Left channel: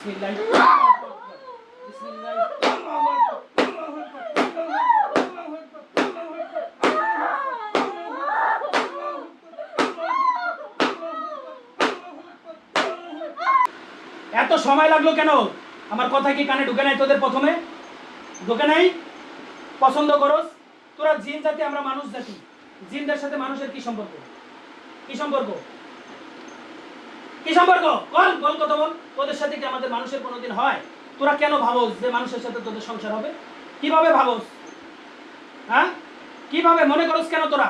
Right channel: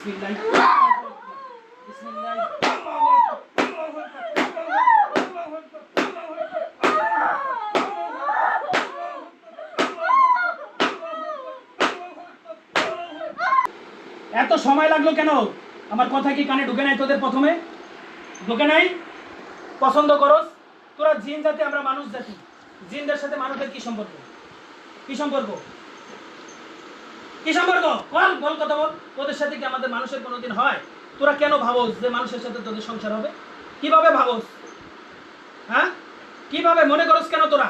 এত সময় লাগলো কেন? আমার কথা কি কানে ঢুকে নাই তোদের? প্রথমে ঢুকে নাই? পছন্দ করস তোরা জিন জাতি, আমরা মানুষ জাতি। জিনদের সাথে মানুষের কি সম্পর্ক? কি সম্পর্ক? কি সম্পর্ক? বল বল, কথা বল। তোদের সাথে কি আমাদের মানুষের কোনোদিন হয়? তোরা কেন ভাবস যে মানুষের সাথে তোদের সংসার হবে? কিভাবে ভাবস? হ্যাঁ, কিভাবে মনে করস কেন? তোরা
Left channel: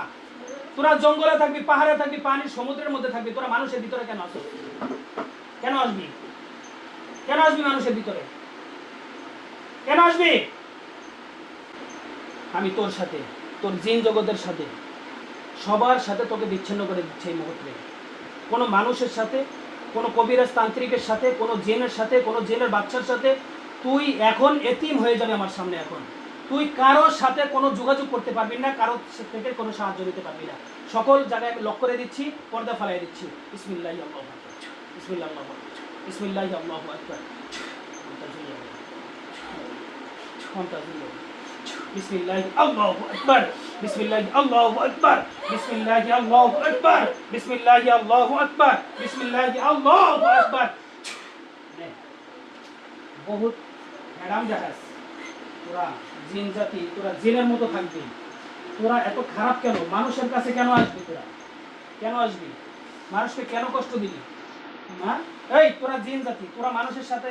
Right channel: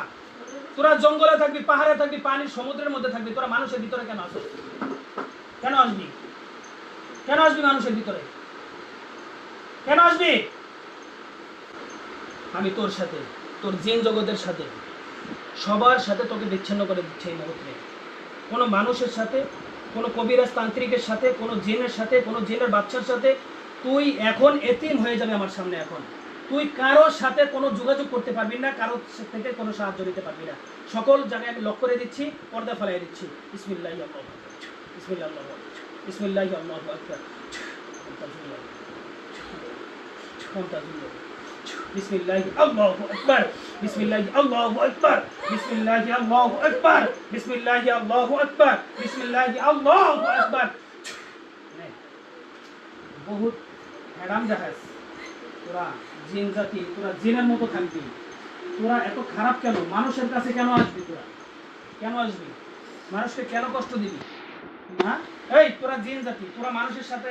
তোরা জঙ্গলে থাকবি, পাহাড়ে থাকবি, পানির সমুদ্রের মধ্যে থাকবি, তোরা মানুষের ভিতরে কেন আসবি? কেন আসবি? কেন আসবি মানুষের ভিতরে? কেন আসবি? আমি তোর সাথে, তোর জিন জগতের সাথে, সবার সাথে তোকে বিচ্ছিন্ন করে দিচ্ছে এই মুহূর্তে। কোনো মানুষের সাথে, কোনো কবিরাজ তান্ত্রিকের সাথে, কোনো জিনের সাথে, কোনো জিনের বাচ্চার সাথে তুই এখন এতিম হয়ে যাবে আমার সামনে। এখন তুই কারোর সাথে কোনো যোগাযোগ করতে পারবি না, কারোর থেকে কোনো সাহায্য নিতে পারবি না। সকল জায়গায় আমি লক করে দিচ্ছি, পর্দা ফেলাই দিচ্ছি। বিসমিল্লাহি আল্লাহু আকবার, বিসমিল্লাহি আল্লাহু আকবার, বিসমিল্লাহি আল্লাহু আকবার, বিসমিল্লাহি আল্লাহু আকবার, বিসমিল্লাহি আল্লাহু আকবার, বিসমিল্লাহি আল্লাহু আকবার, বিসমিল্লাহি আল্লাহু আকবার, বিসমিল্লাহি আল্লাহু আকবার। বহুত ম্যাডাম জাহাজ, তোরা জিন জাতি, তোরা জিনের মতো থাকবি। তোরা এত খারাপ কেন? মানুষের কাছে কেন আসবি? তোরা কেন আসবি? মানুষকে কেন কষ্ট দিবি? হ্যাঁ, এই তোরা জিন জাতি, তোরা মানুষের সাথে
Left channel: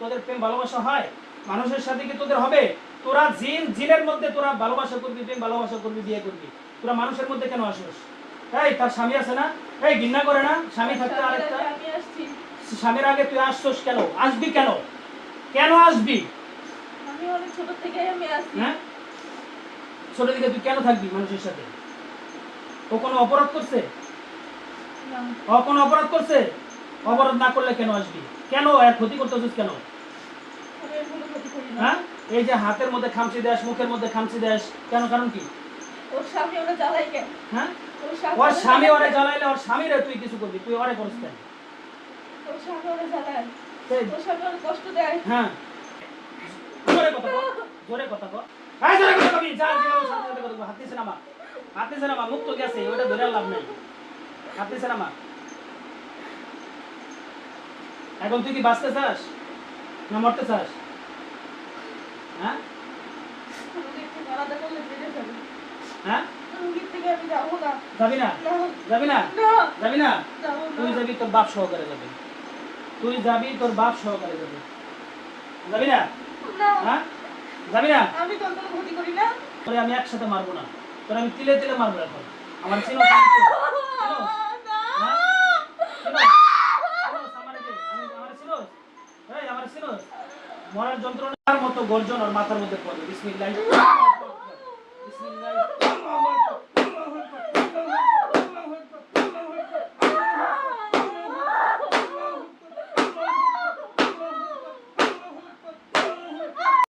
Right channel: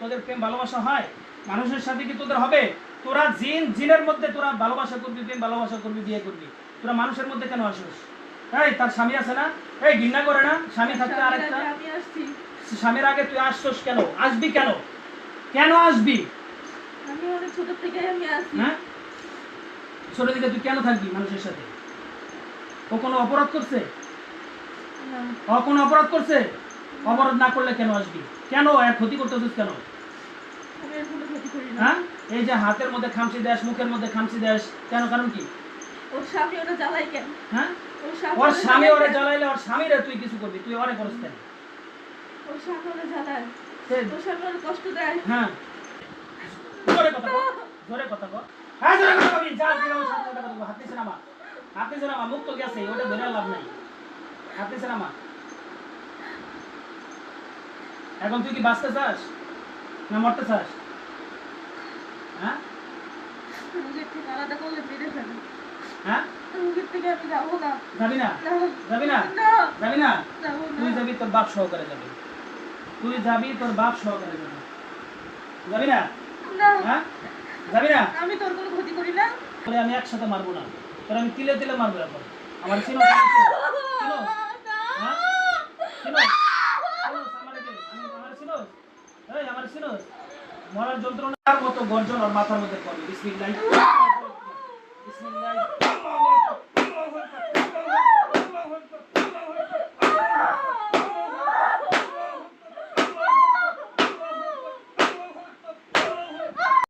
তোদের প্রেম ভালোবাসা হয়? মানুষের সাথে কি তোদের হবে? তোরা জিন, জিনের মধ্যে তোরা ভালোবাসা করবি, প্রেম ভালোবাসা করবি, বিয়ে করবি। তোরা মানুষের মধ্যে কেন আসিস? এই তার স্বামী আছে না? এই ঘৃণা করে না স্বামী থাকতে? আরেকটা স্বামীর আগে তুই আসছস কেন? আসবি কেন? কেন আসবি? আমি অনেক ছোট থেকে আমি আসি। হ্যাঁ, ছোট থেকে তুই কেন থাকবি মানুষের সাথে? ও কোনো অপরাধ করছে? না। ও কোনো অপরাধ করছে? অপরাধ না করলে কেন আসবি? কেন এর ক্ষতি করতেছিস কেন? আমি এর কোনো ক্ষতি করি না। হ্যাঁ, এই যে হাতের মধ্যে খামচি দেশ, মুখের মধ্যে খামচি দেশ, কেন? কারণ কি? ওর স্বামী ওরা জ্বালাই কেন? হ্যাঁ, ওর স্বামী ওরে জ্বালাইলে ওর স্বামীরে তুই কিছু করবি, তুই ওরে করস কেন? ওর স্বামী ওরা জ্বালায়, সেই, ওর স্বামী ওর কষ্ট দেয়। হ্যাঁ, জোরে কথা বল, জোরে কথা বল। হ্যাঁ, জোরে কথা বলবি। যা দিলাম সাথে সাথে কথা বল। হাত নিচে নামা, হাত নিচে নামা। মুখ তো গেছে, ওটা ধরে লাভ নেই। হাত নিচে নামা। এখন তুই কি বাঁচতে চাস না মরতে চাস? হ্যাঁ, রোগীর থেকে আলাদা করলে বেড়ে যাবে। হ্যাঁ, রোগীর থেকে আমি যাবো না। যাবি না? না, যাবি না? না, যাবি না? যাবো তুই না। যাবি, তোর বাপ সহকারে যাবে। তুই যাবি, তোর বাপ সহকারে যাবে। যাবি না? না, হ্যাঁ, যাবি না? আমি তোর কোনো ক্ষতি করি না। তোরে আমি একসাথে মারবো না, তোরে আমি তিলে তিলে মারবো। এখন আমার চিনো? না। হ্যাঁ, চিনো? আমার চিনো? এই আমার চিনো? মরার যন্ত্রণার মতো গর্জন আর মাথার মধ্যে পড়বে। বিসমিল্লাহ, বিসমিল্লাহ।